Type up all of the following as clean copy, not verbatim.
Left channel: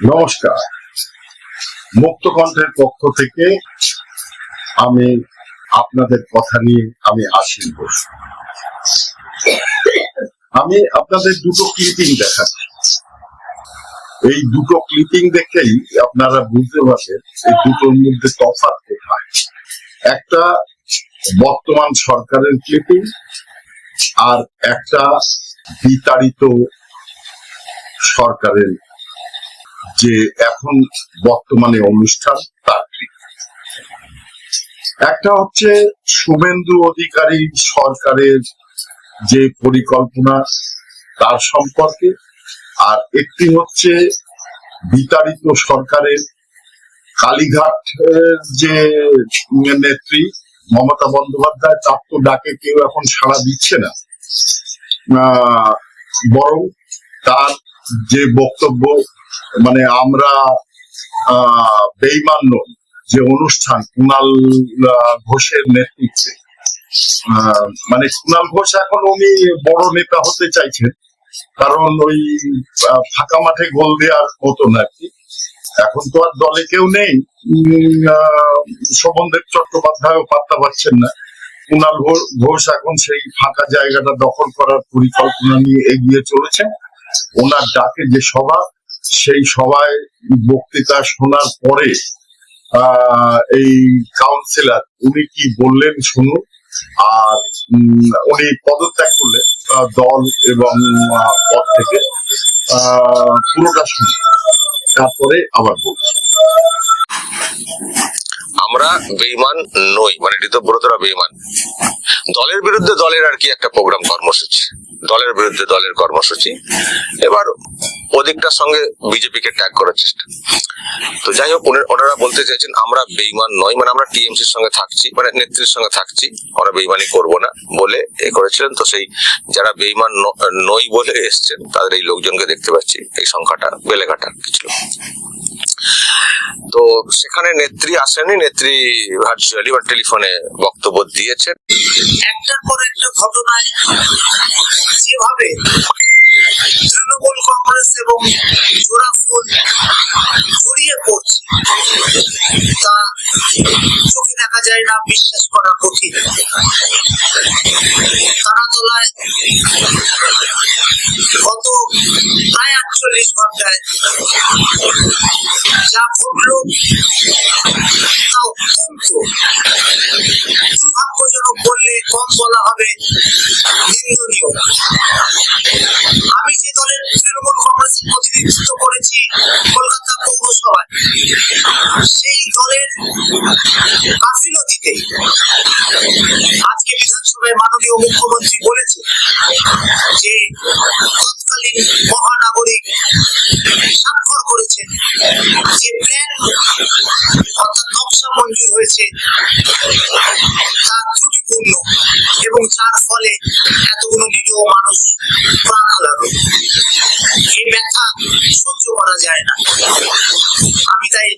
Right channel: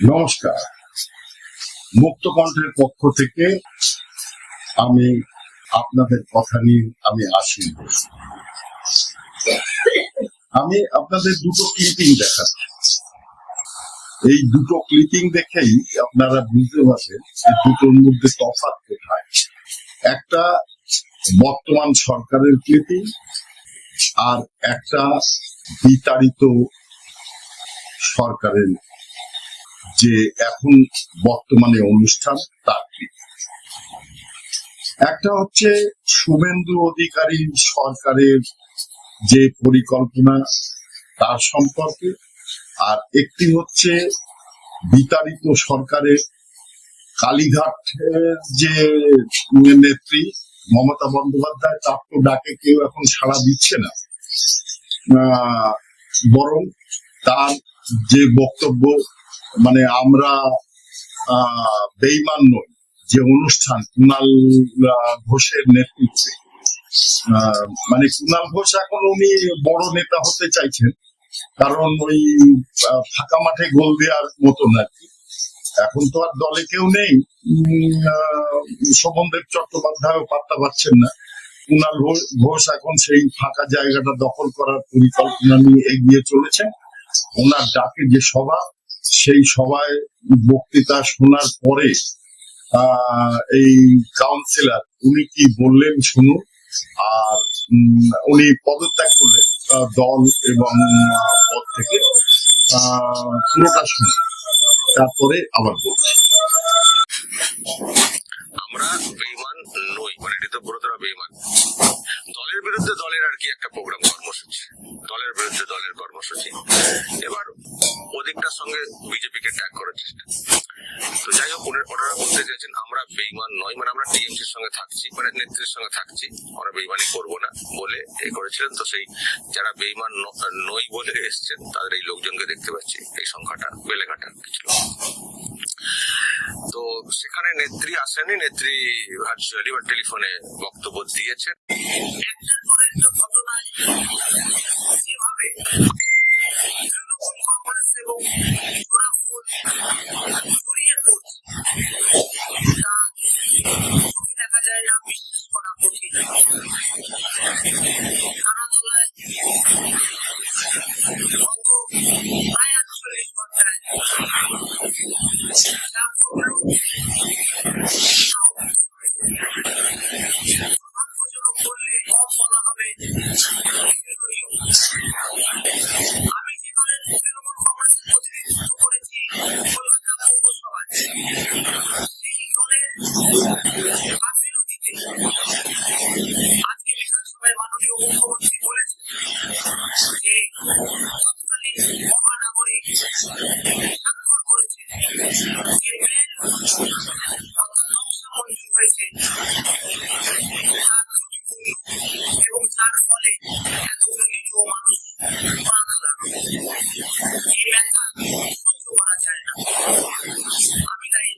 নমস্কার। মুক্ত কণ্ঠের পক্ষ থেকে আমি আপনাদের কথা নিয়ে আমি আশীষ ঘোষ। আমি আপনাদের দুটো ক্লিপিং দেখাচ্ছি। এই দুটো ক্লিপিং দেখেই আপনারা বুঝতে পারবেন এই দুটোর মধ্যে তফাৎ কোথায়। একটা বর্তমান সরকারের ক্লিপিং আর একটা বিতাড়িত সরকারের যে এখন বর্তমানে অনুষ্ঠান তার ক্লিপিং। একটা হচ্ছে শুভেন্দু অধিকারী সরকারের যে পরিকল্পনা তার সম্পর্কে, আর একটি হচ্ছে বিতাড়িত সরকারের কালীঘাটের যে নেত্রী মমতা বন্দ্যোপাধ্যায়, তার তো ডাকে কেউ এখন সাড়া দিচ্ছে না, বরং তার যে বক্তব্য মানে আমরা বেঈমান নই যে অনুষ্ঠান কুণাল ঘোষের নেতৃত্বে, মানে কুণাল ঘোষ এখন উনি বড় নেতা হতে চাইছেন, কারণ ওই ফাঁকা মাঠে গোল দেওয়ার মতন আর কি। এখন তো আর দলে কেউ নেই, শোভনদেব চট্টোপাধ্যায়ও পাত্তা পাচ্ছেন না। কুণাল ঘোষ এখন সেই ফাঁকা জায়গাটা দখল করার পরিকল্পনা নিয়ে এগিয়ে চলেছে। ওনার ডাকে যে সভা, সেই সভায় বক্তৃতা শোনার পরে এই কাউন্সিলর উনি কি বললেন শুনুন, আর উনি পদত্যাগ করলেন দল এবং পদ থেকে, পুরোটা শুনুন, তারপরে আবার বলছি। আমরা বেঈমান নই, মানে ঋতব্রতরা বেঈমান। দলের বিরুদ্ধে দলের আর কি একটা প্রোগ্রাম কর্মসূচি, দলের বিরুদ্ধে দলের কর্মসূচি। এবার ওদিকটার সঙ্গে বিজেপিকে ট্যাগ করার চেষ্টা। তো যাই হোক, ওনারা বলতে চাইছেন আমরা বেঈমান নই, মানে আমরা টিএমসির সঙ্গে থাকছি, মানে নেত্রীর সঙ্গে থাকছি, আমরা বেঈমানি করবো না বলে এ করেছিলেন। তো সেই যারা বেঈমান নই বলে এসছেন তাদের এই লোকজনকে দেখতে পাচ্ছি, এই সংখ্যাটা বেলেঘাটা কিছু। তো সেখানে নেত্রী আসেনি, নেত্রী ভার্চুয়ালি বা টেলিফোনে বক্তব্য দিয়েছেন। একটার পর একটা ঘটনায় যেভাবে তৃণমূল কংগ্রেস এবং জোড়াফুল জড়িয়ে পড়ছে তা চোখে দেখা যায় না, বিশ্বাস করা কঠিন। তারাতলায় গত প্রায় 48 ঘন্টায় যা ঘটলো তা অত্যন্ত দুর্ভাগ্যজনক বললে কম বলা হবে, নিন্দনীয়। আমি যে দলের তৃণমূল কংগ্রেসের প্রতিনিধিত্ব করেছি কলকাতা পৌরসভায়, সেই দলের গাফিলতিতে আজকে বিধানসভায় মাননীয় মুখ্যমন্ত্রী বলেছে যে তৎকালীন মহানাগরিক স্বাক্ষর করেছেন যে প্ল্যান অর্থাৎ নকশা মঞ্জুর হয়েছে তা ত্রুটিপূর্ণ এবং যার ফলে এতগুলো নিরীহ মানুষ প্রাণ হারালো। এই ব্যথা সহ্য করা যায় না। আমি তাই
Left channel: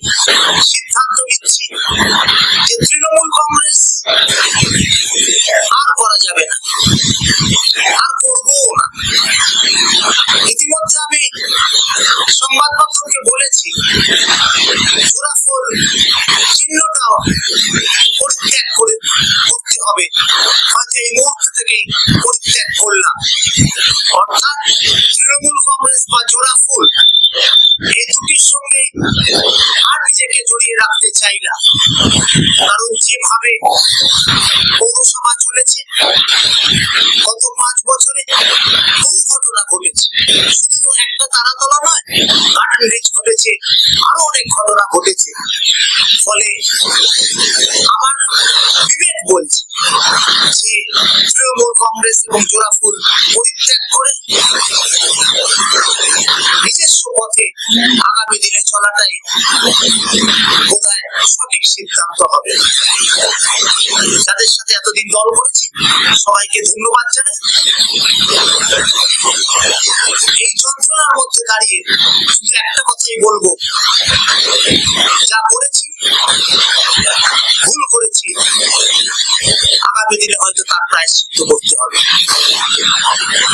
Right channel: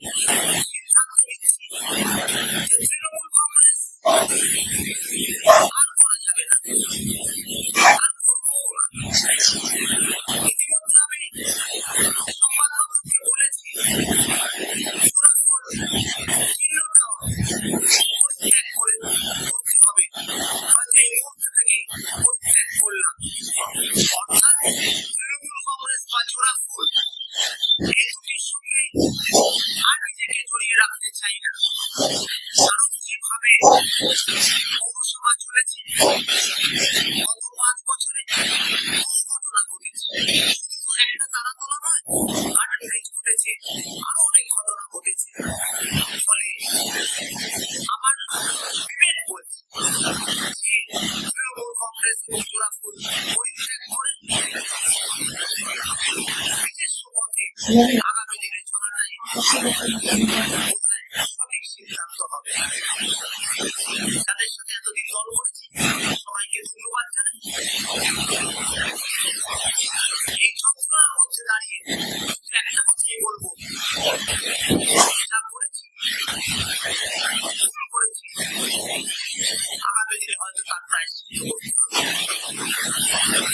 সিদ্ধান্ত নিচ্ছি যে তৃণমূল কংগ্রেস আর করা যাবে না, আর করবো না। ইতিমধ্যে আমি সংবাদ মাধ্যমকে বলেছি জোড়াফুল চিহ্নটাও পরিত্যাগ করতে হবে, হয়তো এই মুহূর্ত থেকেই পরিত্যাগ করলাম। অর্থাৎ তৃণমূল কংগ্রেস বা জোড়াফুল এই দুটির সঙ্গে আর নিজেকে জড়িয়ে রাখতে চাই না। কারণ যেভাবে পৌরসভা চলেছে গত 5 বছরে বহু ঘটনা ঘটেছে, শুধু একটা তারাতলা নয়, গার্ডেন রিচ ঘটেছে, আরো অনেক ঘটনা ঘটেছে। ফলে আমার বিবেক বলছে যে তৃণমূল কংগ্রেস এবং জোড়াফুল পরিত্যাগ করে নিজস্ব পথে আগামী দিনে চলাটাই বোধহয় সঠিক সিদ্ধান্ত হবে। যাদের সাথে এতদিন দল করেছি সবাইকে ধন্যবাদ জানাই। এই যন্ত্রণার মধ্যে দাঁড়িয়ে শুধু একটা কথাই বলবো, যা করেছি ভুল করেছি, আগামী দিনে হয়তো তার প্রায়শ্চিত্ত করতে হবে।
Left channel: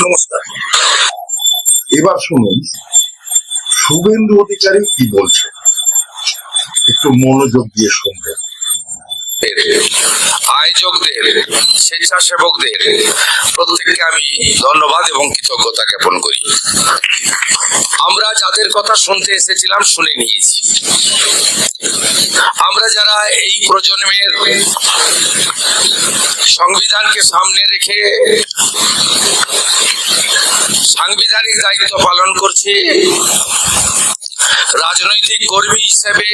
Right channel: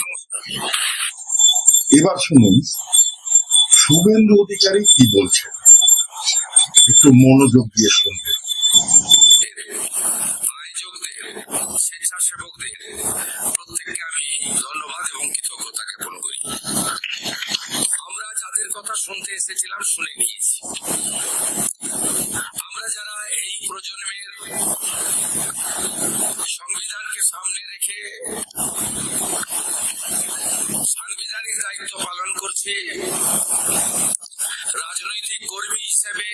নমস্কার। এবার শুনুন শুভেন্দু অধিকারী কি বলছে একটু মনোযোগ দিয়ে শুনবেন। আয়োজকদের, স্বেচ্ছাসেবকদের প্রত্যেককে আমি ধন্যবাদ এবং কৃতজ্ঞতা জ্ঞাপন করি। আমরা যাদের কথা শুনতে এসেছিলাম শুনে নিয়েছি। আমরা যারা এই প্রজন্মের সংবিধানকে সামনে রেখে সাংবিধানিক দায়িত্ব পালন করছি, রাজনৈতিক কর্মী হিসেবে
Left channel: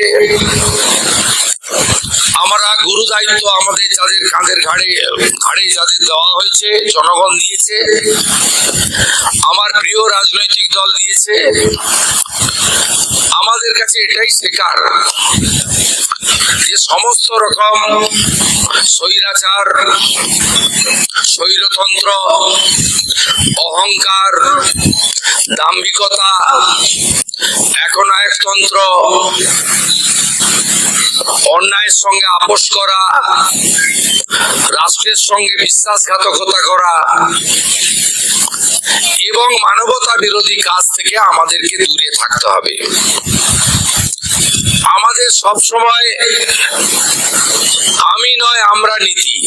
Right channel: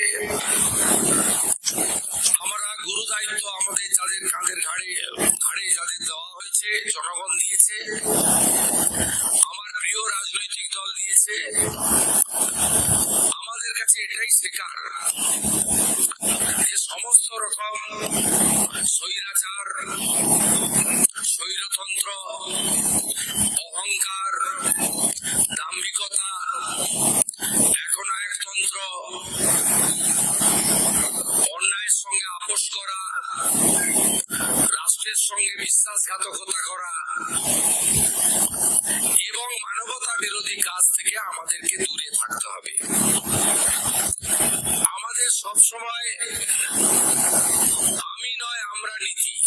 আমরা গুরু দায়িত্ব আমাদের যাদের কাঁধের ঘাড়ে যাদের দেওয়া হয়েছে, জনগণ দিয়েছে, আমার প্রিয় রাজনৈতিক দল দিয়েছে, আমাদের কাছে এটাই শেখার যে সমস্ত রকম স্বৈরাচার, স্বৈরতন্ত্র, অহংকার, দাম্ভিকতা, একনায়কতন্ত্র, অন্যায়ের সঙ্গে আপোষ করা, রাষ্ট্রের সঙ্গে বিশ্বাসঘাতকতা করা এবং মানবতা বিরোধী কাজ থেকে আমাদেরকে দূরে থাকতে হবে। আমাদের সব সময় আমি নয় আমরা নীতি,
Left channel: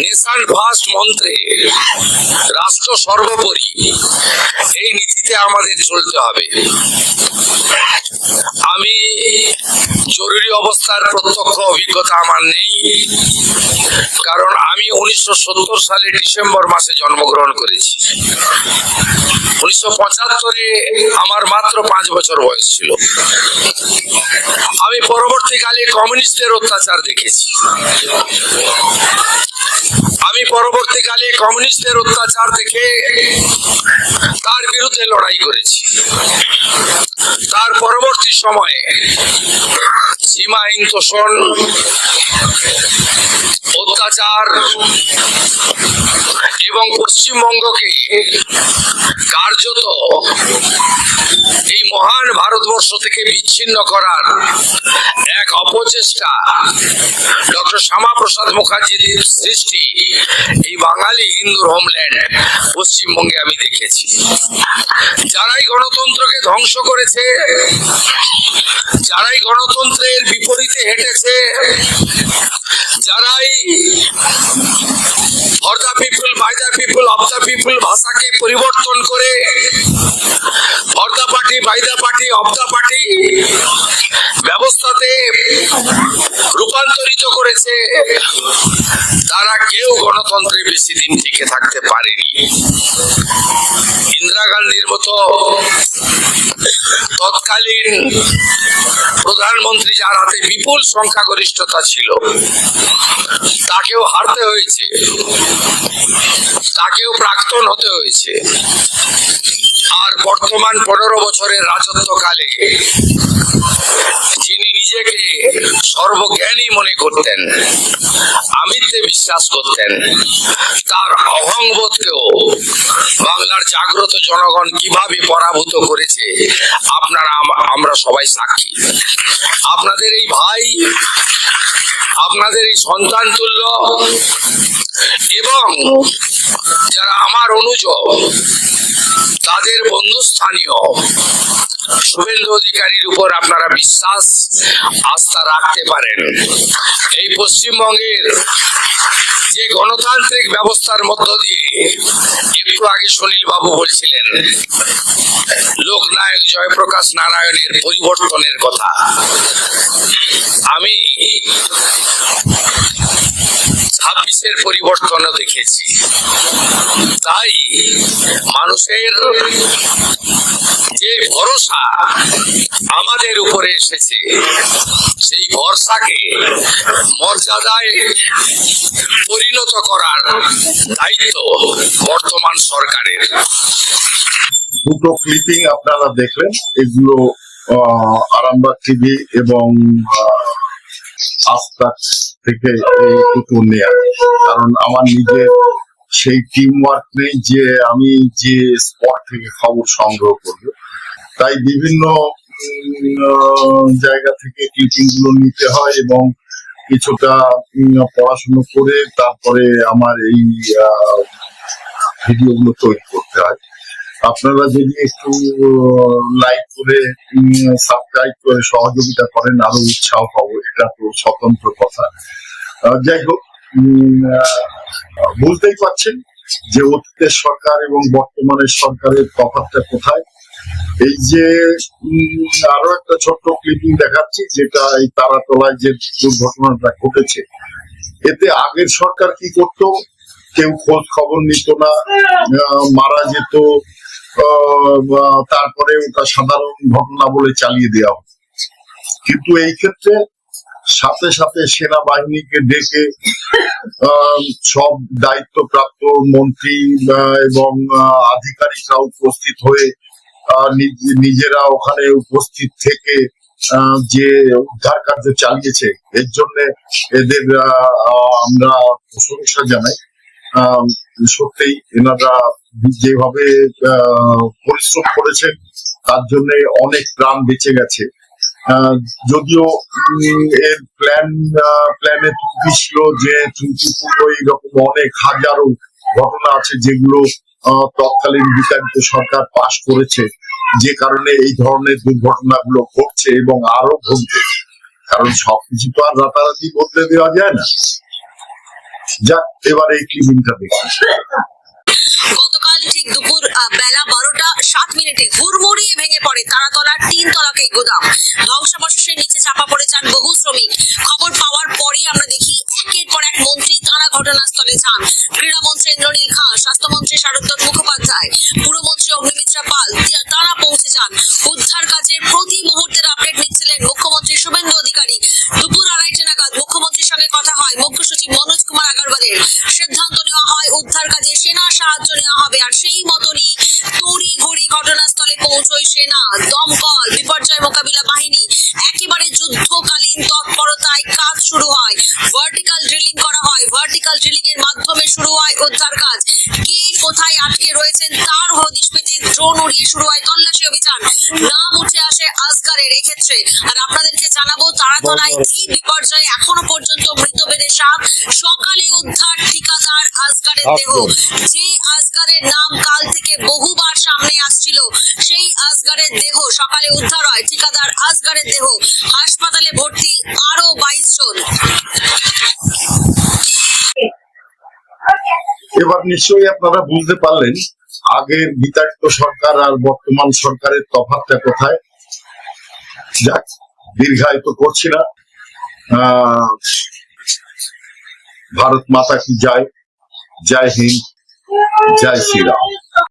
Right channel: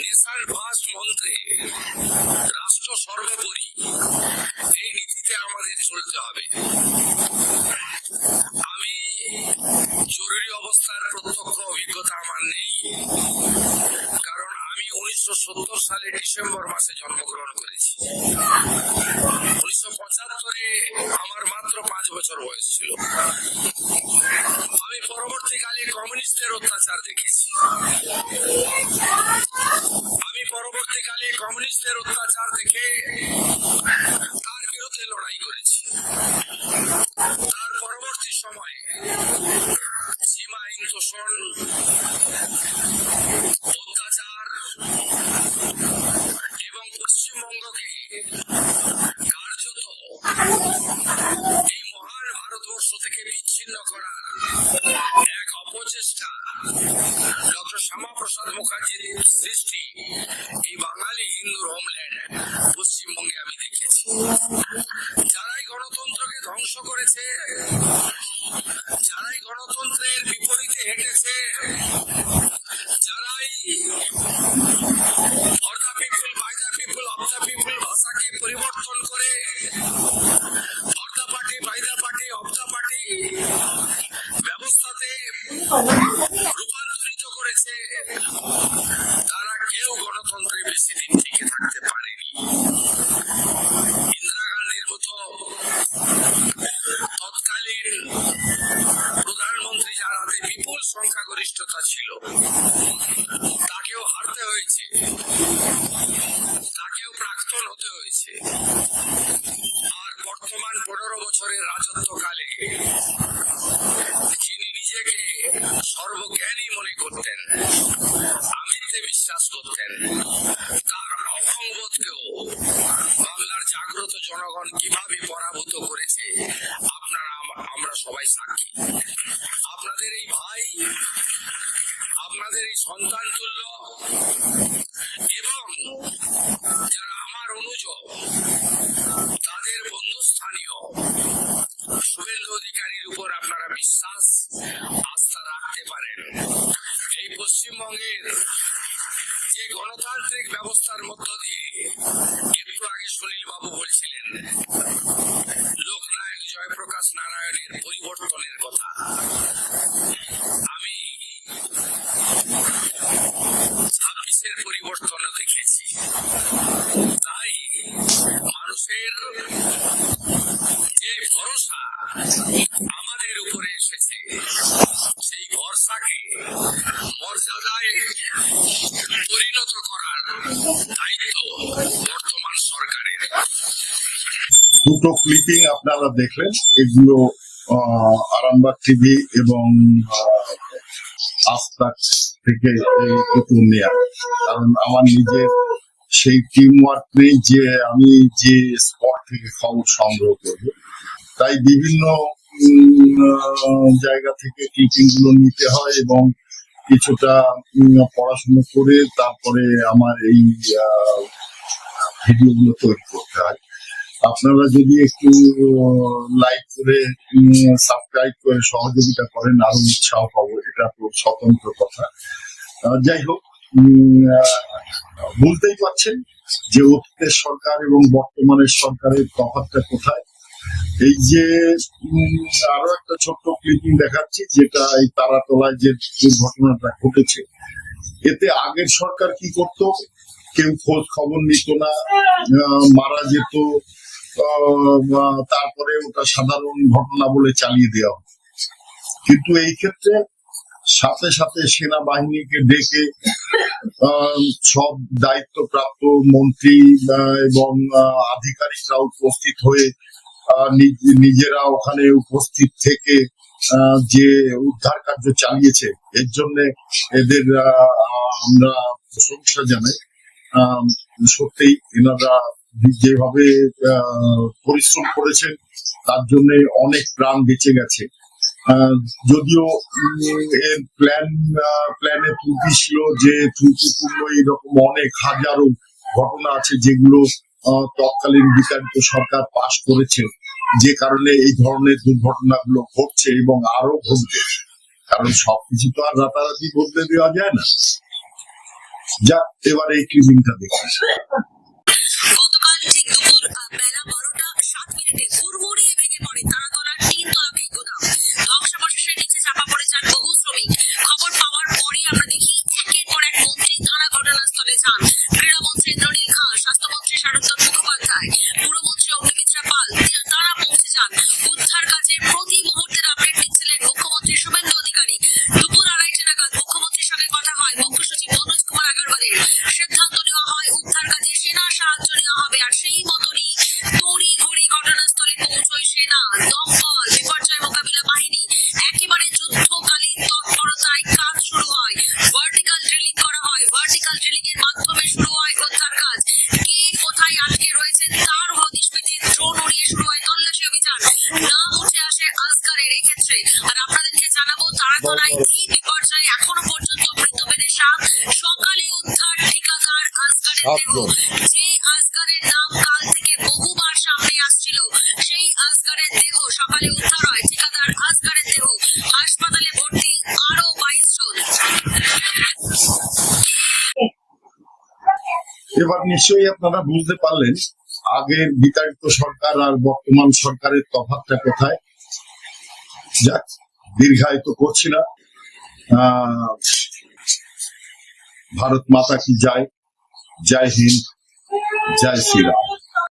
নেশন ফার্স্ট মন্ত্রে রাষ্ট্র সর্বোপরি, এই নীতিতে আমাদের চলতে হবে। আমি জরুরি অবস্থার প্রত্যক্ষ অভিজ্ঞতা আমার নেই, কারণ আমি 1970 সালে ডিসেম্বর মাসে জন্মগ্রহণ করেছি। 1975-এ আমার মাত্র 5 বছর বয়স ছিল। আমি পরবর্তীকালে কমিউনিস্টদের অত্যাচার দেখেছি। আমি পরবর্তীকালে কমিউনিস্টদের অত্যাচার দেখে তার বিরুদ্ধে লড়াই করেছি। তার পরবর্তী সময়ে সীমাহীন তোষণ, অত্যাচার এবং পশ্চিমবঙ্গকে কার্যত এই মহান ভারতবর্ষ থেকে বিচ্ছিন্ন করার এক অপচেষ্টা ডক্টর শ্যামাপ্রসাদ মুখার্জির সৃষ্টি এই বাঙালি হিন্দুর হোমল্যান্ড পশ্চিমবঙ্গে আমি দেখেছি। যারাই গণতন্ত্রকে ধ্বংস করেছে, যারাই গণতন্ত্রের বিপরীতে হেঁটেছে, যারাই for the people, by the people, of the people ভাষাকে পরিবর্তন করে for the party, by the party, of the party ব্যবস্থাতে রূপান্তরিত করেছে, তারা কেউ গণতন্ত্রে বেশি দিন টিকে থাকতে পারেনি। ইন্দিরা গান্ধীর মতো তৎকালীন প্রধানমন্ত্রী, যার হাতে বিপুল সংখ্যাগরিষ্ঠতা ছিল, তাকেও হারতে হয়েছে, তাকেও প্রাক্তন হতে হয়েছে। আর বর্তমান 15 বছরের রাজত্বকালে যিনি নিজেকে সর্বজ্ঞানী মনে করতেন, আমিত্বে বিশ্বাস করতেন, তার অহংবোধকেও বাংলার জাগ্রত জনগণ কিভাবে পরাভূত করেছে আমরা সবাই সাক্ষী। আপনাদের এই ভাই, আপনাদের এই সন্তান তুল্য এবং যারা আমার অনুজ, তাদের বন্ধুস্থানীয় শুভেন্দু অধিকারীর উপর আপনারা বিশ্বাস, আস্থা রাখতে পারেন। এই পশ্চিমবঙ্গের যে গণতান্ত্রিক ব্যবস্থার মধ্য দিয়ে, একটু আগে সুনীল বাবু বলছিলেন লোকনায়ক জয়প্রকাশ নারায়ণের পরিবর্তনের কথা, আমি 26-এর পরিবর্তনও দেখেছি। তাই মানুষের যে ভরসা আমাদের উপরে এসেছে, সেই ভরসাকে মর্যাদায় পরিণত করার দায়িত্ব বর্তমান সরকারের। দুটো ক্লিপিং আপনারা দেখলেন, এগুলো আরামবাগ টিভি এবং আস্থা থেকে এই দুটো নেয়া। কারণ আমার নিজের সেই টিম ওয়ার্ক নেই যে আমি যে স্পট থেকে খবর সংগ্রহ করব, তাই বিভিন্ন জায়গা থেকে ক্লিপিং গুলো নিতে হয় এবং কিছুটা পড়াশুনো করে তারপরে আমার এই ভিডিও গুলো তৈরি করতে হয়। আপনারা যদি একটু লাইক করে সাবস্ক্রাইব করে সহযোগিতা করেন আরো উৎসাহ পাবো, এটা তো স্বতন্ত্র কথা। যাই হোক, বুঝতেই পারছেন যে অতীতের সরকার এবং বর্তমানের সরকারের তফাৎটা কোথায়। এই যে আরো একটা ছোট্ট ক্লিপিং দেখাচ্ছি, যেটা এই তারাতলায় যে দুর্ঘটনাটা ঘটেছে, এতে আগের সরকার কি করত, কেউ খোঁজ খবর নিত না, মারা যেত, তারপরে ওটা সাধারণ ঘটনা বলে চালিয়ে দেওয়া হতো। কিন্তু এই ক্ষেত্রে সাথে সাথে সেনাবাহিনীকে ডেকে সব দায়িত্বপ্রাপ্ত মন্ত্রী এবং আধিকারিকরা উপস্থিত হয়ে নিজেরা ওখানে উপস্থিত থেকে যে উদ্ধার কার্য চালিয়েছে, এর জন্য এদের আমরা প্রশংসা জানাই। সত্যি এনারা যেভাবে পরিশ্রম করেছেন তার জন্য অনেক প্রাণ বেঁচে গেছে। যদিও এর প্ল্যানে ত্রুটি ছিল, যে ত্রুটিপূর্ণ এইরকম অনেক হাজারো ঘটনা আছে যেগুলো তৎকালীন বিতাড়িত সরকার পাশ করেছে, যে কারণে এই ধরনের দুর্ঘটনাগুলো ঘটছে এবং আরো ঘটবে। কারণ সবকিছু তো আর রাতারাতি বদলে দেওয়া যায় না। যাক, এবার এই ক্লিপিংটা দেখি। গতকাল ঠিক দুপুর বেলা 12:07 হুড়মুড়িয়ে ভেঙে পড়ে তারাতলার 3 তলাকে এই গোদাম। ধ্বংসাবশেষের নিচে চাপা পড়ে যান বহু শ্রমিক। খবর পাওয়ার পরেই আমরা দেখি একের পর এক মন্ত্রী তারা ঘটনাস্থলে যান। ক্রীড়ামন্ত্রী ইন্দ্রনীল খাঁ, স্বাস্থ্যমন্ত্রী শারদত্ত মুখোপাধ্যায়, পুরমন্ত্রী অগ্নিমিত্রা পাল তারা পৌঁছে যান। উদ্ধার কাজের প্রতি মুহূর্তের আপডেট নিচ্ছিলেন মুখ্যমন্ত্রী শুভেন্দু অধিকারী। দুপুর 2:30 নাগাদ মুখ্যমন্ত্রীর সঙ্গে কথা হয় মুখ্য সচিব মনোজ কুমার আগারওয়ালের। সিদ্ধান্ত নেওয়া হয় উদ্ধার কাজে সেনা সাহায্য নেওয়া হবে, আর সেই মতনই তড়িঘড়ি ঘটনাস্থলে পৌঁছয় সেনা, দমকল, বিপর্যয় মোকাবিলা বাহিনী। একেবারে যুদ্ধকালীন তৎপরতায় কাজ শুরু হয়। ভার্টিক্যাল ড্রিলিং করা হয়। ভার্টিক্যাল ড্রিলিং এর মাধ্যমে শুরু হয় উদ্ধার কাজ। কে কোথায় আটকে রয়েছেন তার হদিশ পেতে ড্রোন উড়িয়ে শুরু হয় তল্লাশি অভিযান। নাম উঠে আসে আসগারের এই ক্ষেত্রে। আর আপনাদেরকে জানাবো, তারাতলায় এই বিপর্যয়ে এখনো পর্যন্ত মৃত বেড়ে 7। সকালে উদ্ধার ঠিকাদার আসগারের দেহ। যে আসগারের নাম কাল থেকে বহুবার সামনে আসছিল, সেই আসগারের দেহ সকালে উদ্ধার হয়। ঠিকাদার আসগারের দেহ। হাসপাতালে ভর্তি আরো 22 জন। এবার নিশ্চয়ই আপনারা বুঝতে পারলেন আগের বিতাড়িত সরকার আর বর্তমান সরকারের তফাৎটা কোথায়। যাক, দীর্ঘায়িত করছি না। ভারত মাতা কি জয়, জয় হিন্দ, জয় শ্রীরাম।